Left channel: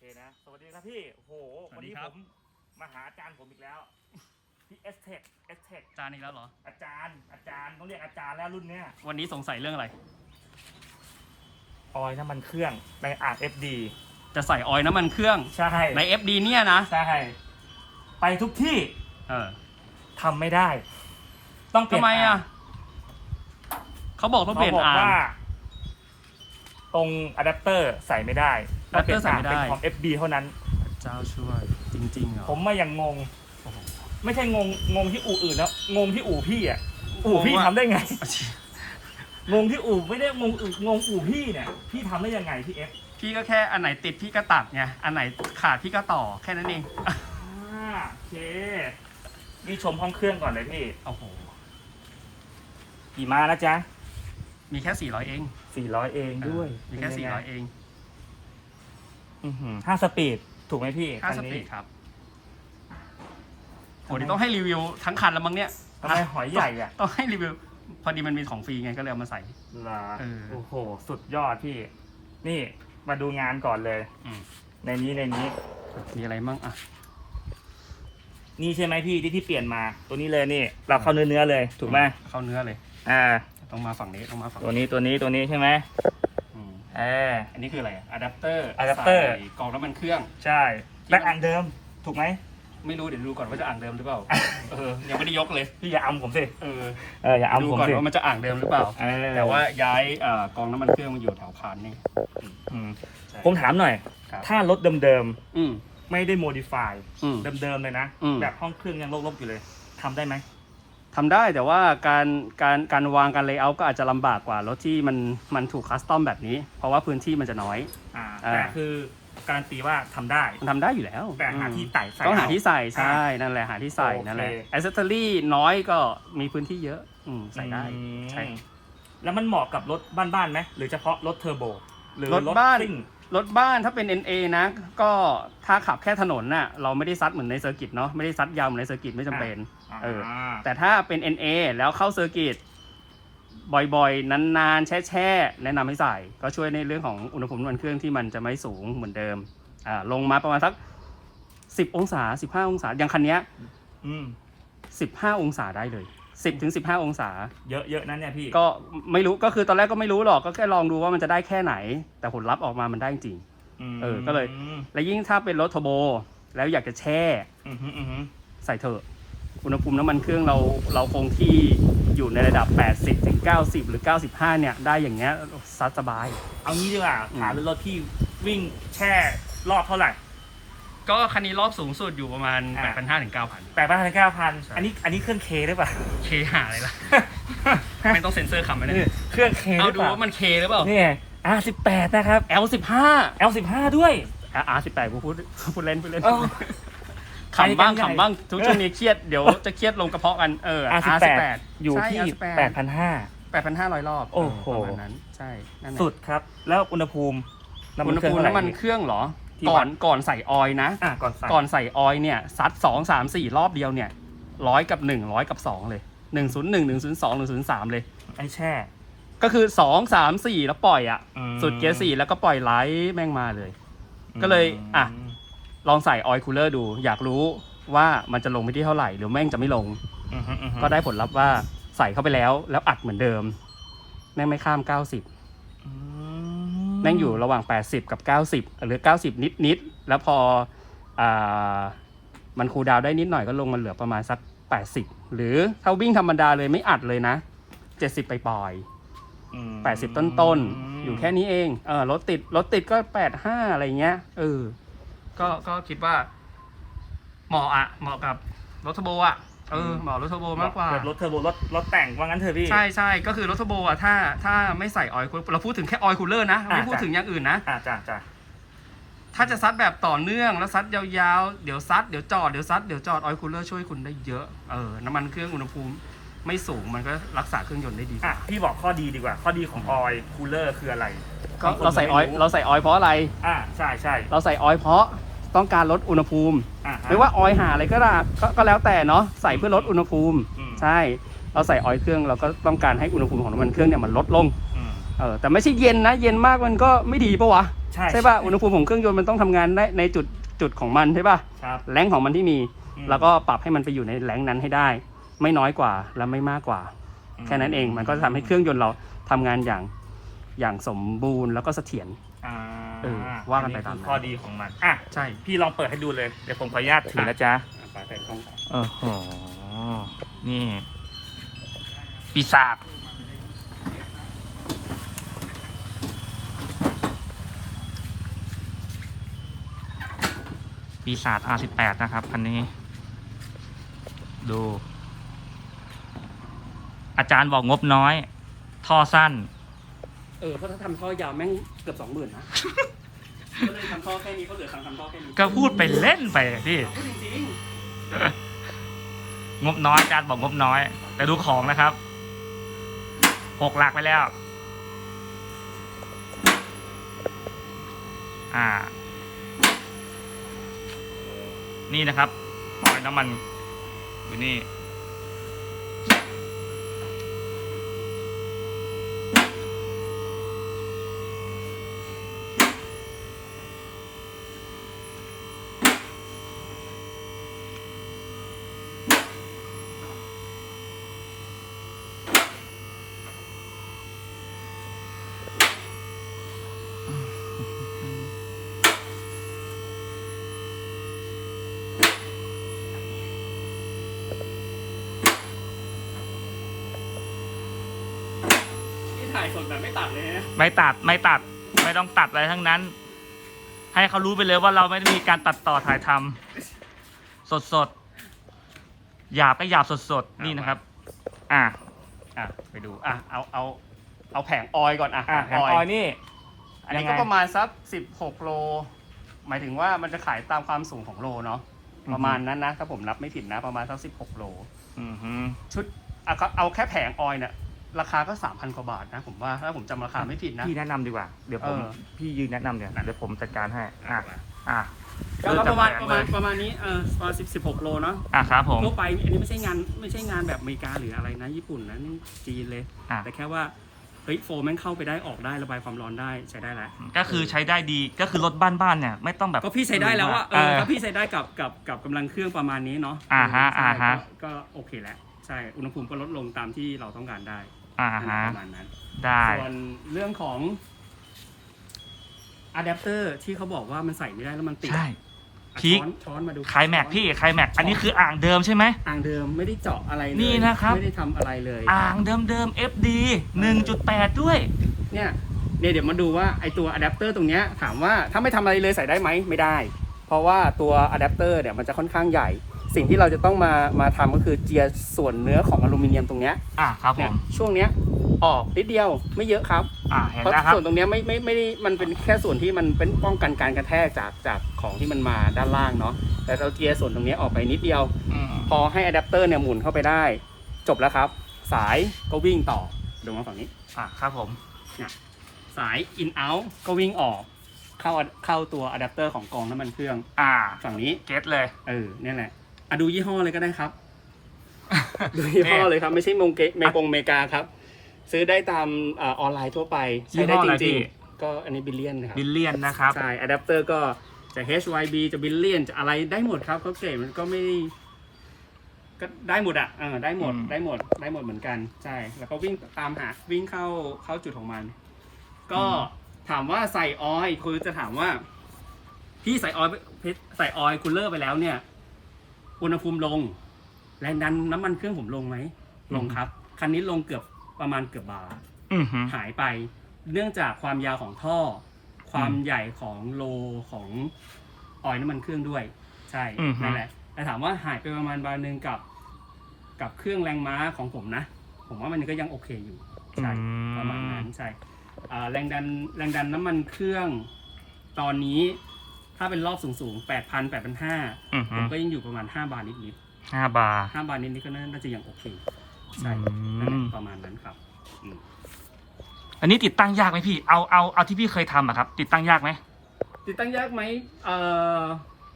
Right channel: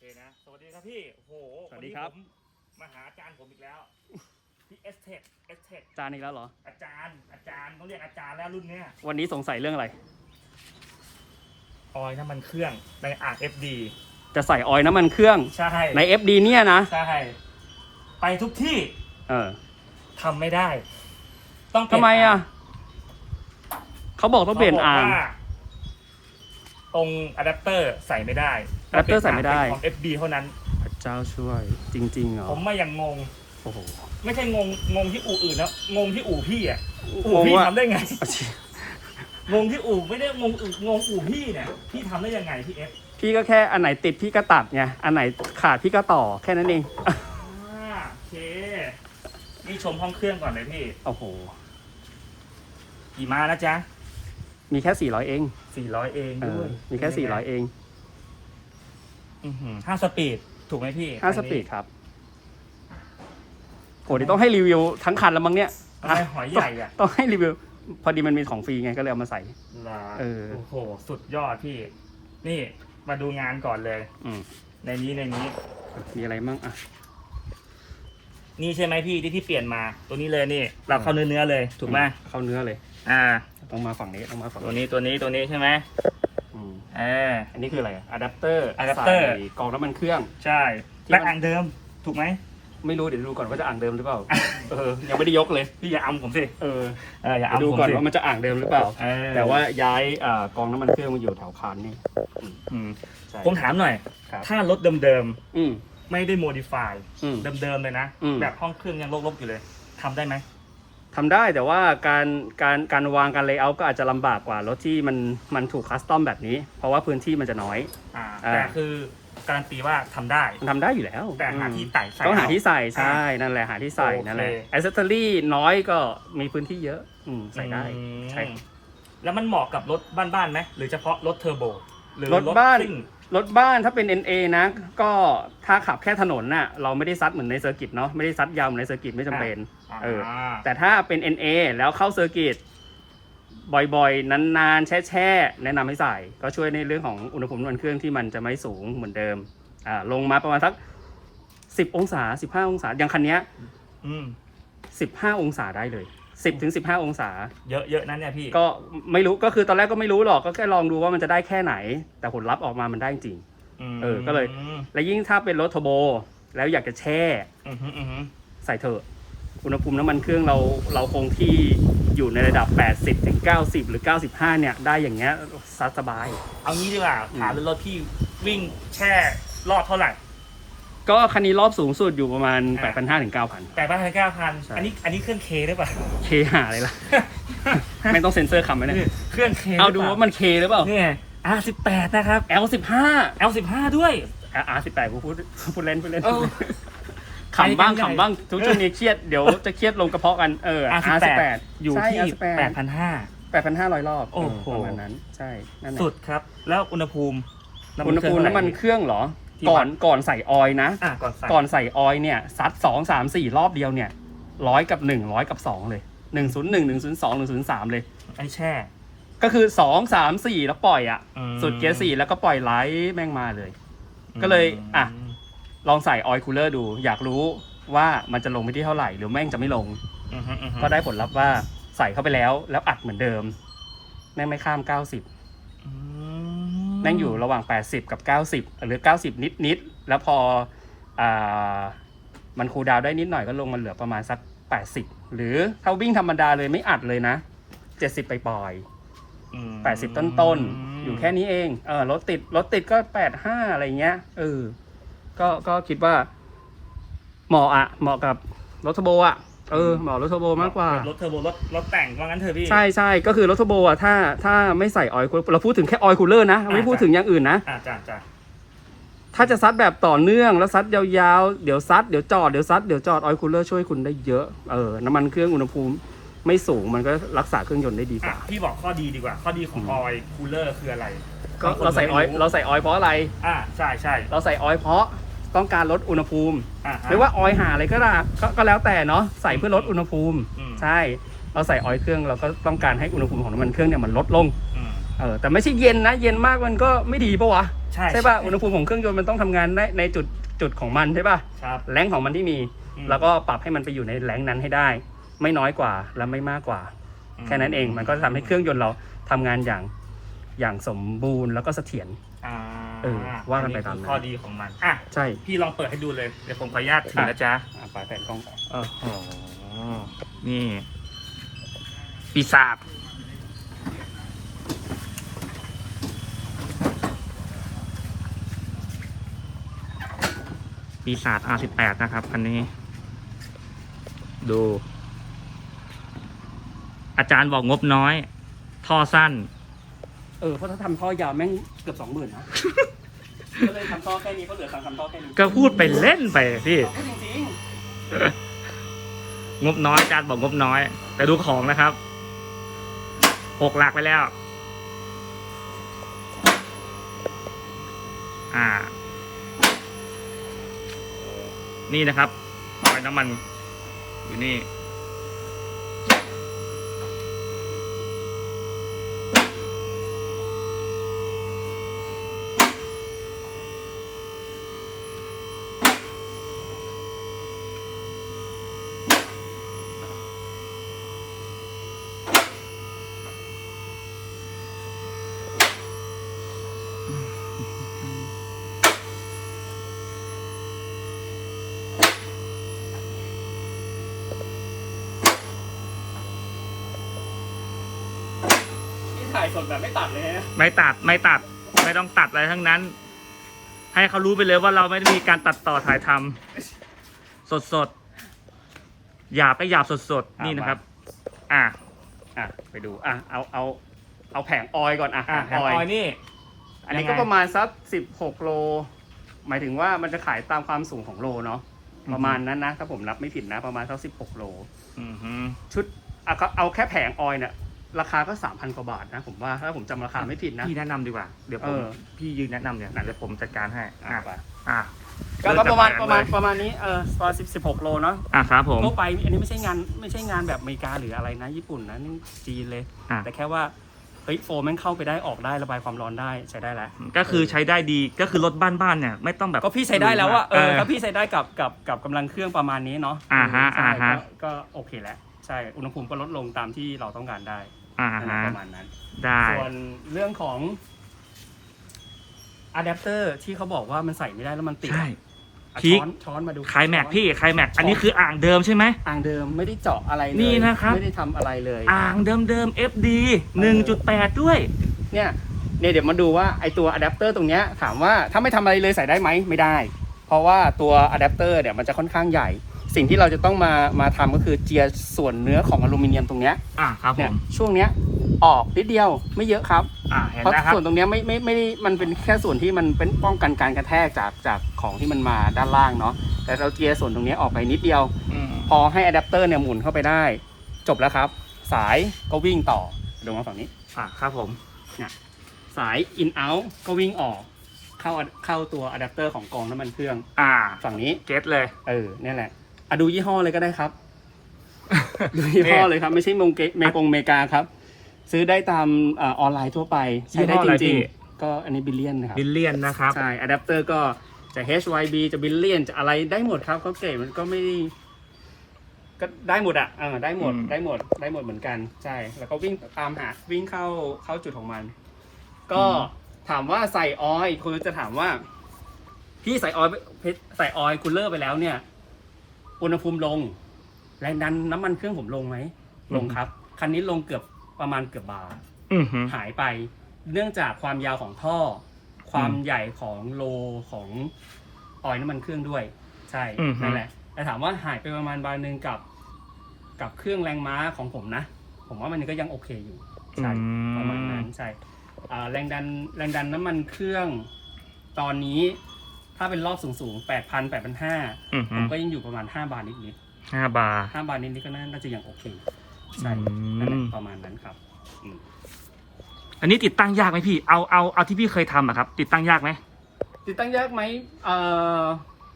เคนะ สวัสดีครับพี่ โอ้โหสวัสดีครับนนี้ผมมาหาอาจารย์ผมอีกแล้ว พี่เอสเทคเอสเทคจานอีกแล้วเหรอ อาจารย์ อาจารย์ต้องเรียกอาจารย์แล้วรุ่นเนี้ยวันนี้สงสัยเรื่องอะไร ออยน้ำมันเครื่องในอ่าง FD จะใส่ออยล์น้ำมันเครื่อง ใช่ ใน FD เนี่ยนะ ใช่ ไปทุกที่เออทำไม่ได้ ต้องเปลี่ทำยนไมอะงเขาบอกต้องเปลี่ยนขบกอ่างว่า ตรงอะแดปเตอร์ใส่ไม่ได้อะแดปเตอร์ใส่ไม่ได้ เป็นของ FD เท่านั้น พระเจ้าช่วยจริงๆเหรอผมมาอย่างงง โอ้โห ไม่ใช่งงงงที่อู่อื่นแล้วงงที่อู่พี่อะอู่งงพี่ว่าทำได้ไงงงที่อู่ไม่ได้งงอู่งงอู่พี่เนี่ยพี่ทำได้ยังไงพี่เอฟพี่ก็แค่อันไหนติดพี่ก็ตัดไงอันไหนขาดพี่ก็ต่อแค่นั้นเองอ่าโอเคนี่ชมห้องเครื่องก่อนเลยพี่โอ้โหกี่ม้านะจ๊ะ มีแค่ 400 เอง400เองเอด้วอยมีแค่ 400 เองอื้อหือห้าสปีดถูกไหมพี่ห้าสปีดครับโหเดี๋ยวต้องให้รีวิวทั้งคันแล้วมั้งเนี่ยทำไมหอยใหญ่อะ ต้องให้รีวิว พอดีมันมีของฟรีไงก็เลยเอามาใส่ เหรอเออ โอ้โห สุดยอดพี่ นี่มาดูงานก่อนเลย อืมในนี้ในนี้ มีอะไรมั่งอะ นี่ใช่ไหมพี่ที่พี่เปลี่ยนมา ตัวนี้เลยนี่ เราเข้าเนื้อเนื้อๆเลย ถูกไหมเข้าเนื้อเลย อ่า ต้องมาฝั่งนี้ต้องมาฝั่งตัวนี้ตัวนี้ตัวนี้ใช่ไหมอืมอ่า อันนี้คืออะไรอะอะแดปเตอร์อะแดปเตอร์ใส่กล่องน้ำมันเครื่อง ใช่ที่และมันอันเดิม ถูกไหม ไม่รู้เดี๋ยวดูก่อนว่าจะอ่างเดิมหรือเปล่า เออ ยังไม่ได้ยกเลย พี่อย่าอำผมสิ เออ เออ อย่าเดี๋ยวอำดูผมก่อนสิว่ามันจะอ่างเดิมหรือเปล่า เออ แต่ว่าย้ายเอ่อกองน้ำมันเครื่องมาอยู่แถวคานนี่ อืมใช่ ผมถามหน่อย ครับ ถ้ารถเดิมอืม ๆ ไม่ได้โมดิฟาย อืม เดิมๆเลยนะ อืม แบบห้องเครื่องยังลบๆอยู่เลยทำได้ไหม ทำได้แต่ว่าการการการวางการเลเยอร์ก็อาจจะลำบากกว่ารถที่มันมันถูกคัสตอมแบบนี้ เพราะว่าพื้นที่มันจะน้อยอ่าอ่าแต่คือการันตีว่าทำได้มันทำได้อยู่แล้ว แต่หาอืมที่ไต่ใส่ต้องหาเที่ใส่ใช่นั่นแหละหาที่ใส่โอเคนั่นแหละแอสเซสซอรี่น้อยก็มีพื้นที่เยอะอืมใส่ได้อืมใช่แล้วมันเหมาะกับรถบ้านๆไหมหรือเฉพาะรถเทอร์โบหรือรถบ้านซิ่งรถบ้านถ้าเป็น NA นะ ก็ถ้าขับแค่ถนนน่ะเราไม่ได้ซัดเหมือนในเซอร์กิตเนาะไม่ได้ซัดยาวเหมือนในเซอร์กิตไม่จำเป็น เออแต่ถ้าเป็น NA แล้วเข้าเซอร์กิตบ่อยๆ นานๆ แช่ๆ แนะนำให้ใส่ ก็ช่วยในเรื่องของอุณหภูมิน้ำมันเครื่องที่มันจะไม่สูงเหมือนเดิม อ่า ลงมาประมาณสัก 10 องศา 15 องศา อย่างคันเนี้ยอืม15 องศาได้เลย 10ถึง15 องศา เยอะเยอะๆนั้นเนี่ยพี่ ก็ไม่รู้ ก็คือตอนแรกก็ไม่รู้หรอก ก็แค่ลองดูว่ามันจะได้แค่ไหน แต่ผลลัพธ์ออกมามันได้จริงมเออก็เลย และยิ่งถ้าเป็นรถเทอร์โบ แล้วอยากจะแช่ อือฮึอือฮึใส่เถอะ อุณหภูมิน้ำมันเครื่องเราเราคงที่อยู่ในระดับ 80ถึง90 หรือ 95 เนี่ย ได้อย่างเงี้ยซัดสบาย เอางี้ดีกว่าอืมถามรถที่วิ่งแช่รอบเท่าไหร่ ก็คันนี้รอบสูงสุดอยู่ประมาณ อ่า8,500ถึง9,000 แปดพันเก้าพันใช่ อันนี้อันนี้เครื่องเคหรือเปล่า เคหาอะไรล่ะ ไม่ต้องเซ็นเซอร์คำไว้เนี่ยเครื่องเคเอาดูว่ามันเคหรือเปล่านี่อาสิบแปดนะครับ L15 L สิบห้าด้วยอะ R18 กูพูดพูดเล่นพูดเล่น เออ ขำบ้างใหญ่ขำบ้างทุกช่วงนี้เครียดเดี๋ยวจะเครียดลงกระเพาะกันเออ R สิบแปด R18 อยู่ใช่ที่ R18 แปดพันห้า8,500รอบโอ้โหเประมาณนั้นใช่นั่นแหละสุดครับ แล้วอุณหภูมิอุณหภูมิน้ำมันเครื่องเหรอที่ก่วัอดนก่อนใส่ออยล์นะอะก่อนใส่ก่อนใส่ออยล์เนี่ยซัดสองสามสี่รอบเดียวเนี่ยร้อยกับหนึ่งร้อยกับสองเลยหนึ่งศูนย์หนึ่งหนึ่งศูนย์สองหนึ่งศูนย์สามเลยไอ้แช่ ก็คือสองสามสี่แล้วปล่อยอะอืมสุดเกียร์สี่แล้วก็ปล่อยไหลแม่งมาเลย ก็เลยอะม ลองใส่ออยล์คูลเลอร์ดู อยากรู้ว่ามันจะลงไปที่เท่าไหร่ หรือแม่งจะไม่ลง อือฮึอือฮึก็ได้ผลลัพธ์ว่าใส่เข้าไปแล้ว แล้วอัดเหมือนเดิม แม่งไม่ข้าม 90 อืแม่งอยู่ระหว่าง 80 กับ 90 หรือ 90 นิดนิดๆแล้วพออ่ามันคูลดาวน์ได้นิดหน่อยก็ลงมาเหลือประมาณสัก 80 หรือถ้าวิ่งธรรมดาเลยไม่อัดเลยนะ 70 ไปปล่อยอืมๆ80ต้นต้นๆ อยู่แค่นี้เอง เออรถติด รถติดก็85อะไรเงี้ย เออ ก็ก็คิดว่า เหมาะอะเหมาะกับรถเทอร์โบอะเออเหมาะรถเทอร์โบมากกว่า รถเทอร์โบรถรถแต่งว่างั้นเถอะพี่ ใช่ใช่ก็คือรถเทอร์โบอะถ้าถ้าไม่ใส่ออยล์เราพูดถึงแค่ออยล์คูลเลอร์นะอ่าไม่พูดจ้ะถึงอย่างอื่นนะอะจ้ะจ้ะถ้าจะซัดแบบต่อเนื่องแล้วซัดยาวๆ เดี๋ยวซัดเดี๋ยวจอดเดี๋ยวซัดเดี๋ยวจอดออยล์คูลเลอร์ช่วยคุณได้เยอะเออน้ำมันเครื่องอุณหภูมิไม่สูงมันก็รักษาเครื่องยนต์ได้ดีกอะว่าพี่บอกข้อดีดีกว่า ข้อดีของออยคูลเลอร์คืออะไรก็บงคนเราใส่ออยล์ไม่เราใส่ออยล์เพราะอะไรอะใช่ใช่เราใส่ออยล์เพราะ ต้องการลดอุณหภูมิอะไม่ว่าออยล์หาอะไรก็ได้ก็ก็แล้วแต่เนาะใส่เพื่อลดอุณหภูมิ อืม ใช่เราใส่ออยล์เครื่องเราก็ต้องการให้อุณหภูมิของน้ำมันเครื่องเนี่ยมันลดลงอืมเออแต่ไม่ใช่เย็นนะ เย็นมากมันก็ไม่ดีปะวะใช่ใช่ป่ะอุณหภูมิของเครื่องยนต์มันต้องทำงานได้ในจุดจุดของมันใช่ป่ะครับแรงของมันที่มี อืมแล้วก็ปรับให้มันไปอยู่ในแรงนั้นให้ได้ ไม่น้อยกว่าและไม่มากกว่า แค่นั้นเองมันก็จะทำให้เครื่องยนต์เราทำงานอย่าง อย่างสมบูรณ์แล้วก็เสถียร อ่าเออว่ากันไปตามนั้น คือข้อดีของมันอะใช่ พี่ลองเปิดให้ดูเลย เดี๋ยวผมขออนุญาตถือนะจ๊ะอะฝาแฝดต้องอื้อหือนี่ปีศาจปีศาจ R18 นะครับ อันนี้ ดู อาจารย์บอกงบน้อย ท่อสั้น เออเพราะถ้าทำท่อยาวแม่งเกือบสองหมื่นนะ ก็เลยทำท่อแค่นี้ก็เหลือสั่งทำท่อแค่นี้ก็พูดไปเล่นไปพี่จริงงบน้อยอาจารย์บอกงบน้อย แต่ดูของนะครับหกหลักไปแล้ว อ่า นี่นะครับออยน้ำมันอยู่นี่ สดแบบไม่ตัดเลยนะไม่ตัดไม่ตัดไม่ต้องตัดอะไรทั้งนั้น ให้เขารู้ไปเลยว่าเราไม่ได้มีการตัดต่อถ่ายทำสดสดๆหยาบก็หยาบสดสดๆนี่นะครับ อะอะไปดูอะเอาเอาเอาแผงออยก่อนอะอะแผงออยนี่ อันนี้ยังไงก็ประมาณสักสิบหกโล หมายถึงว่ามันจะขายตามความสูงของโลเนาะประมาณนั้นนะถ้าผมนับไม่ผิดนะ ประมาณสักสิบหกโล อือฮึชุดเอาก็เอาแค่แผงออยเนี่ย ราคาก็สามพันกว่าบาทนะผมว่าถ้าผมจำราคาไม่ผิดนะ พี่แนะนำดีกว่า เดี๋ยวผมเออ พี่ยืนแนะนำเดี๋ยวเดี๋ยวผมจัดการให้อะอะอะก็ประมาณเริ่ประมาณจกแผงเลยประมาณนี้เออประมาณสิบสิบหกโลเนาะอะครับผม ทั่วไปอันนี้ไม่ใช่งานไม่ใช่งานแบบอเมริกาหรืออะไรนะ ญี่ปุ่นนะนี่จีนเลย อะ แต่แค่ว่าเฮ้ยโฟมแม่งเข้าไปได้ออกได้ระบายความร้อนได้ใช้ได้แล้วก็คือใช้ได้ดีก็คือรถบ้านๆเนี่ยไม่ต้องแบบก็พี่ใช้ได้แล้วอะเออเออถ้าพี่ใช้ได้กับกับกับกำลังเครื่องประมาณนี้เนาะอ่าฮะใช่อ่าฮะ ก็ก็โอเคแล้วใช่อุณหภูมิก็ลดลงตามที่เราต้องการได้ อ่านั่นแหละฮะ ประมาณนั้น ได้ ส่วนเรื่องของอะแดปเตอร์ที่เขาบอกว่ามันใส่ไม่ได้แล้วมันติดใช่ อะพีคช้อนช้อนมาดูคลายแม็กช้อน พี่คลายแม็ก อันนี้คืออ่างเดิมใช่ไหม อ่างเดิมไม่ได้เจาะอะไรเลยนี่นะครับ ไม่ได้ทำอะไรเลย อ่างเดิมๆ FD 1.8 ด้วย เนี่ยเนี่ยเดี๋ยวมาดูว่าไอตัวอะแดปเตอร์ตรงเนี้ยถามว่าถ้าไม่ทำอะไรเลยใส่ได้ไหมไม่ได้ เพราะว่าตัวอะแดปเตอร์เนี่ยมันจะค่อนข้างใหญ่ สิ่งที่เราจะต้องมามาทำก็คือเจียส่วนเนื้อของอลูมิเนียมตรงเนี้ยอะครับผมช่วงเนี้ยออกนิดเดียวไม่เยอะครับอะเห็นเพราะนะครับส่วนตรงเนี้ยไม่ไม่ไม่มันเป็นแค่ส่วนที่มันเป็นป้องกันการกระแทกจากจากของที่มันมาด้านล่างเนาะแต่เราเจียส่วนตรงเนี้ยออกไปนิดเดียว อืมพอให้อะแดปเตอร์เนี่ยหมุนเข้าไปได้ จบแล้วครับ สายก็วิ่งต่อลงมาฝั่งนี้ อะครับผม สาย in out ก็วิ่งออก เข้าเข้าตัวอะแดปเตอร์ของกรองน้ำมันเครื่องอ่าฝั่งนี้ เก็ตเลย เออเนี่ยแหละ อะดูยี่ห้อเลยก็ได้ครับ ดูยี่ห้อเลยครับ ไม่ใช่เมงเกเมกงเมกาครับ ซื้อได้ตามเออออนไลน์ทั่วไปใช้ได้ยี่ห้อจอะไรริงพี่ๆก็อันนี้บิลเลียนนะครับบิลเลียนนะครับ ใช่อะแดปเตอร์ก็จะ HYB จะบิลเลียนจะอะไรได้หมดครับเขาเก๋มันก็ไม่ได้ก็ได้หมดอะเออได้หมดอืมได้หมด ได้หมดเหมือนกัน ใช่ แล้วก็วิ่งตามหา วิ่งเข้า เข้าจุดของมัน ก็ถามว่าใส่ออยล์คุณจะถามว่า พี่ใส่ออยล์ไปใส่ออยล์คูลเลอร์ไปแล้วเนี่ย อุณหภูมิลง แรงดันน้ำมันเครื่องผมลงไหม ลงครับ คันนี้ลงเกือบประมาณเกือบบาร์อือหือหายไป เนื่องจากความยาวของท่อ ความอืมใหญ่ของโลของออยล์น้ำมันเครื่องด้วย ใช่อือฮึ นั่นแหละ แต่ถามว่าหายไปประมาณบาร์หนึ่งกับ กับเครื่องแรงม้าของผมนะ ผมว่ามันก็ยังโอเคอยู่ ใช่ ประมาณนั้นใช่อ่าแรงดันแรงดันน้ำมันเครื่องตอนนี้ ถ้าเป็นรอบสูงสูงแปดพันแปดพันห้าอือผหืมอก็ยังอยู่ประมาณห้าบาทนิดนิดห้าบาร์ห้าบาทนิดนิดก็น่าจะยังโอเค ใช่อืม นั่นแหละประมาณนั้นครับอืมอันนี้ติดตั้งยากไหมพี่ เอาเอาเอาที่พี่เคยทำอะครับ ติดตั้งยากไหมติดตั้งยากไหมเอ่อ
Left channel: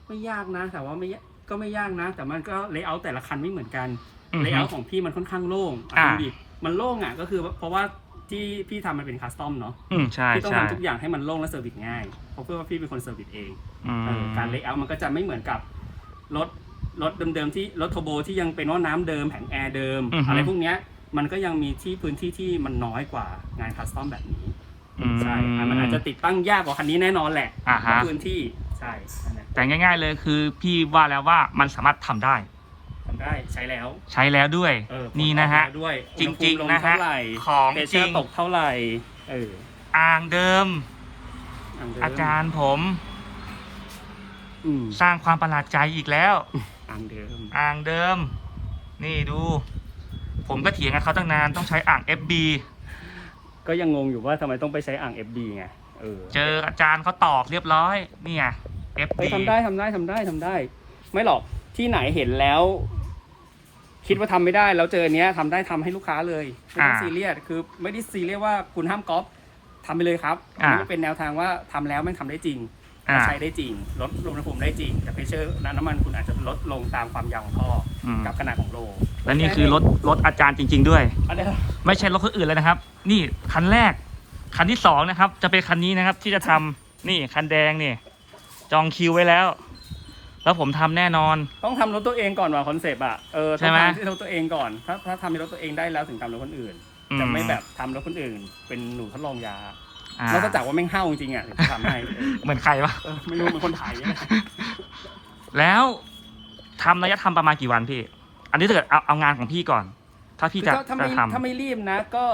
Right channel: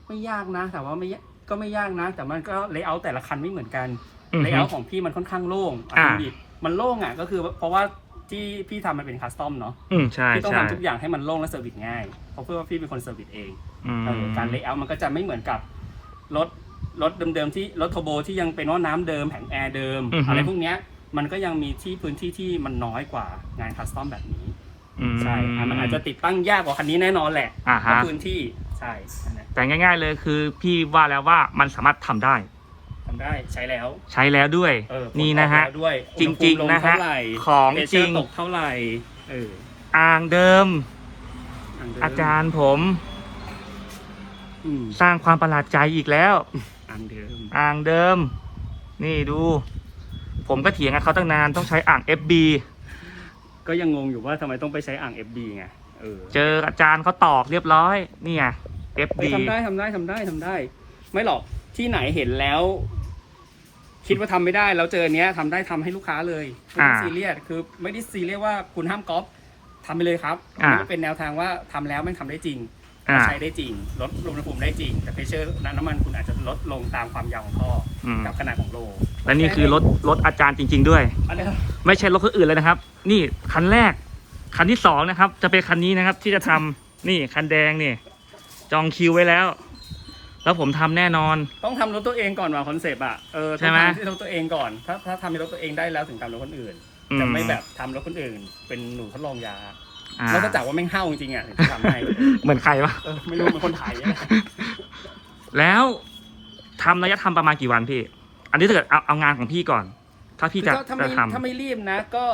ไม่ยากนะแต่ว่าไม่ยากก็ไม่ยากนะ แต่มันก็เลเยอร์แต่ละคันไม่เหมือนกัน อือเลหืเยออร์ของพี่มันค่อนข้างโล่งอ่า ดูดิมันโล่งอะก็คือเพราะว่าจที่พี่ทำมันเป็นคัสตอมเนาะ อืมใช่พี่ต้องใช่ทำทุกอย่างให้มันโล่งและเซอร์วิสง่าย เพราะเพื่อว่าพี่เป็นคนเซอร์วิสเองอืม เออการเลเยอร์มันก็จะไม่เหมือนกับรถรถเดิมๆที่รถโทโบที่ยังเป็นว่าน้ำเดิมแผงแอร์เดิมอะไรพวกเนี้ยมันก็ยังมีที่พื้นที่ที่มันน้อยกว่างานคัสตอมแบบนี้อืมใช่อะมันอาจจะติดตั้งยากกว่าคันนี้แน่นอนแหละอ่าเพราะฮะพื้นที่ใช่นั่นแหละแต่ง่าย ๆ เลยคือพี่ว่าแล้วว่ามันสามารถทำได้ ทำได้ใช้แล้วใช้แล้วด้วย เออนี่นะฮะผลออกมาด้วยจริงๆอุณหภูมิลนะฮะเท่าไหร่ของเทจริง ตกเท่าไหร่เอออ่างเดิมย่งเดิมอาจารย์ผม อืมสร้างความประหลาดใจอีกแล้วอันเดิมอ่างเดิม นี่ดู ผมก็เถียงกับเขาตั้งนานต้องใช้อ่าง FB ก็ยังงงอยู่ว่าทำไมต้องไปใช้อ่าง FD ไงเออเจออาจารย์เขาตอกเรียบร้อยนี่ไง FB เฮ้ยทำได้ทำได้ทำได้ทำได้ ไม่หรอกที่ไหนเห็นแล้ว คิดว่าทำไม่ได้แล้วเจอเนี้ยทำได้ทำให้ลูกค้าเลยไม่ต้องอ่าซีเรียสคือ ไม่ได้ซีเรียสว่าคุณห้ามก๊อปทำไปเลยครับอ่านี่เป็นแนวทางว่าทำแล้วมันทำได้จริง อ่า ใช้ได้จริงลดลงอุณหภูมิได้จริง แต่เพชเชอร์น้ำมันคุณอาจจะลดลงตามความยาวของท่ออืมกับขนาดของโลและนี่คือรถรถอาจารย์จริง ๆ ด้วย อันนี้ไม่ใช่รถคนอื่นเลยนะครับ นี่คันแรก คันที่สองนะครับ จะเป็นคันนี้นะครับ ที่จะทำนี่คันแดงนี่ จองคิวไว้แล้ว แล้วผมทำแน่นอน ต้องทำรถตัวเองก่อนว่ะคอนเซปต์อะเออใช่ไหมต้องทำที่รถตัวเองก่อน ถ้าถ้าทำในรถตัวเองได้แล้วถึงทำรถคนอื่น อืจะไม่แบบทำรถคนอื่น เป็นหนูทดลองยา อ่า แล้วก็จากว่าแม่งเห่าจริงๆอะถึงทำให้เหมือนใครวะ เออไม่รู้เหมือนคนไทยเนี่ยแล้วทำระยะทำประมาณกี่วันพี่ อันนี้ถ้าเกิดเอาเอางานของพี่ก่อน ถ้าพี่จะก็ถ้าจะไม่ทถ้าไม่รีบนะ ก็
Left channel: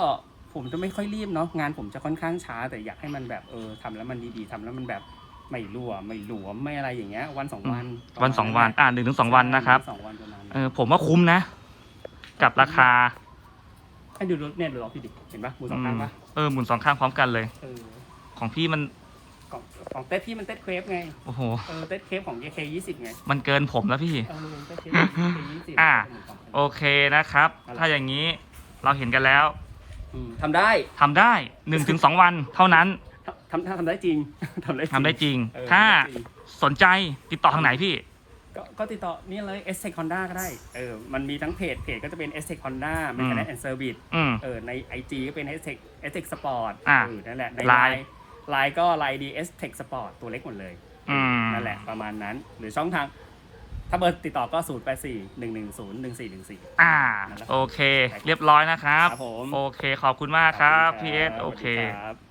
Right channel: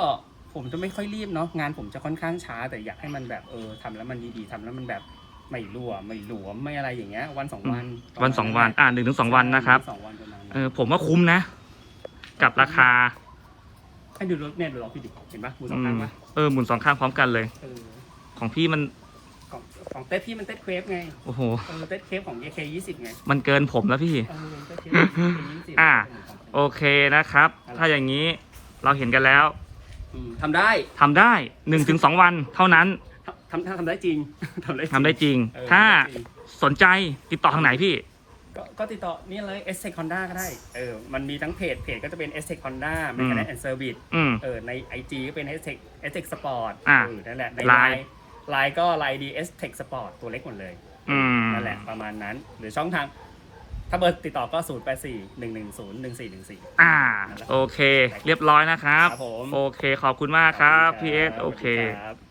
ผมจะไม่ค่อยรีบเนาะงานผมจะค่อนข้างช้า แต่อยากให้มันแบบเออทำแล้วมันดีๆทำแล้วมันแบบไม่รั่วไม่หลวมไม่อะไรอย่างเงี้ยวันสองวันำวันสองวัน อ่าหนึ่งถึงสองวันนะครับ สองวันประมาณนั้น เออผมว่าคุ้มนะ กับราคา ให้ดูรถเนี่ยดูรถพี่ดิเห็นปะมือสออืงข้างมปะเออหมุนสองข้างพร้อมกันเลย เออของพี่มันของของเต้พี่มันเต้เครปไงโอ้โห เออเต้เครปของ AK ยี่สิบไงมันเกินผมแล้วพี่ เออเต้เครปยี่สิบอ่า โอเคนะครับ ถ้าอย่างนี้เราเห็นกันแล้วทำได้ทำได้หนึ่งถึงสองวันเท่านั้นทำทำทำได้จริง ทำได้ทำได้จริง เออถ้าทำได้จริง สนใจติดต่อทางไหนพี่ ก็ก็ติดต่อนี่เลย s อ e c Honda ก็ได้ เออ มันมีทั้งเพจ เพจก็จะเป็น s อ e c Honda อืม Mechanic and Service อืม เออ ใน IG ก็เป็น s อ e c s e c Sport อ่าเออนั่นแหละ ใน Line ไลน์ก็ไลน์ดี s t e c Sport ตัวเล็กหมดเลยอืม นั่นแหละประมาณนั้น หรือช่องทาง ถ้าเบอร์ติดต่อก็ 0 8 4 1 1 0 1 4 1 4 อ่า โอเค เรียบร้อยนะครับ ครับผม โอเค ขอบคุณมากครับ พี่เอสโอเคครับ